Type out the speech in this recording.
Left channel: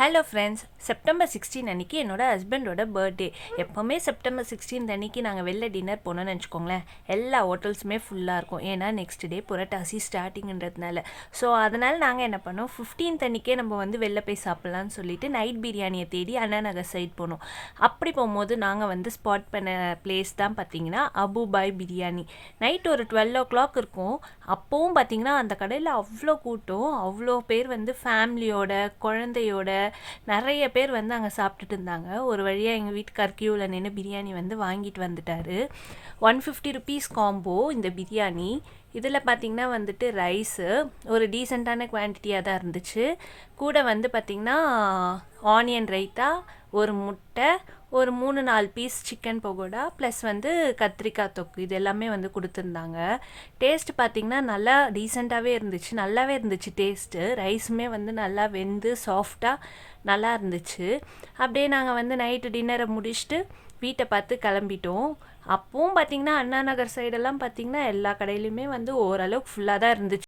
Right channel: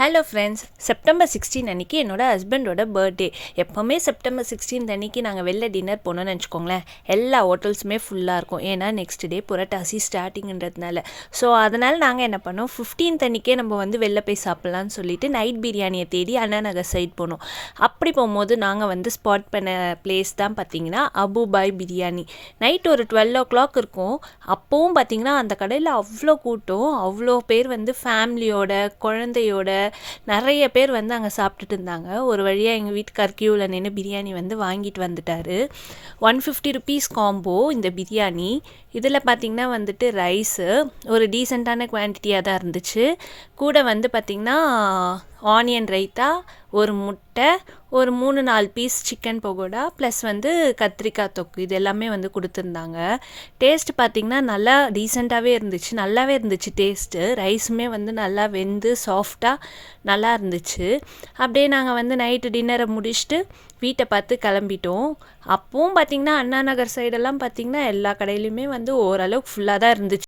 Hello friends, September 16 அன்றைக்கி என்னோடய ஹஸ்பண்டோட பர்த்டே. எப்போவுமே செப்டம்பர் 16 அன்றைக்கி நாங்கள் வெளில டின்னர் போனோன்னு வச்சுக்கோங்களேன், எல்லா ஹோட்டல்ஸுமே ஃபுல்லாக இருக்கும். ஏன்னா நெக்ஸ்ட் டே புரட்டாசி ஸ்டார்டிங்கிறதுனால. ஸோ அதனால் நாங்கள் என்ன பண்ணோம், 15th அன்றைக்கே நம்ம வந்து வெளில போய் சாப்பிட்லான்னு சொல்லிட்டு நைட் பிரியாணியை தேடி அண்ணா நகர் சைட் போனோம். அப்படி போகும்போது நாங்கள் வந்து ஸ்பாட் பண்ண பிளேஸ் தான் பார்த்திங்கன்னா அபுபாய் பிரியாணி. நைட் ஒரு 12 o'clock இருக்கும். அப்போவும் பார்த்திங்கன்னா அந்த கடையில் அவ்வளோ கூட்டம், அவ்வளோ பேர் வந்து ஃபேமிலியோட, குழந்தையோட நிறைய பேர் வந்து அங்கே சாப்பிட்டுட்டு இருந்தாங்க. ஒரு வழியாக எங்கள் வீட்டுக்கார் கியூவில் நின்று பிரியாணி வந்து வாங்கிட்டு வந்துட்டார். 150 rupees காம்போ இந்த பிரியாணி. இதில் பார்த்திங்கன்னா வந்துட்டு ரைஸு ஒரு டீசெண்டான குவான்டிட்டியாக தான் இருந்துச்சு. கூட வந்து பார்த்திங்கன்னா ஆனியன் ரைத்தா, ஒரு முட்டை, ஒரு 3-4 பீஸ் சிக்கன் பகோடா, ப்ளஸ் வந்து கத்திரிக்காய் தொக்கு, இது எல்லாமே வந்து கொடுத்துருந்தாங்க. டேஸ்ட் பார்த்திங்கன்னா நல்லா டீசெண்டாகவே இருந்துச்சு, நல்லாவே இருந்துச்சு டேஸ்ட்டு. ரைஸுமே வந்து நல்லா வெந்து சாஃப்டாக நல்லா இருந்துச்சு. அப்படியே நாங்கள் வந்து நைட்டு டின்னரை முடிச்சுட்டு வீட்டை பார்த்து கிளம்பிட்டோம். அப்பவும் பார்த்திங்கன்னா அண்ணா நகர் சைடெல்லாம் பார்த்திங்கன்னா எல்லா கடையிலையுமே வந்து ஓரளவுக்கு ஃபுல்லாக தான் இருந்துச்சு.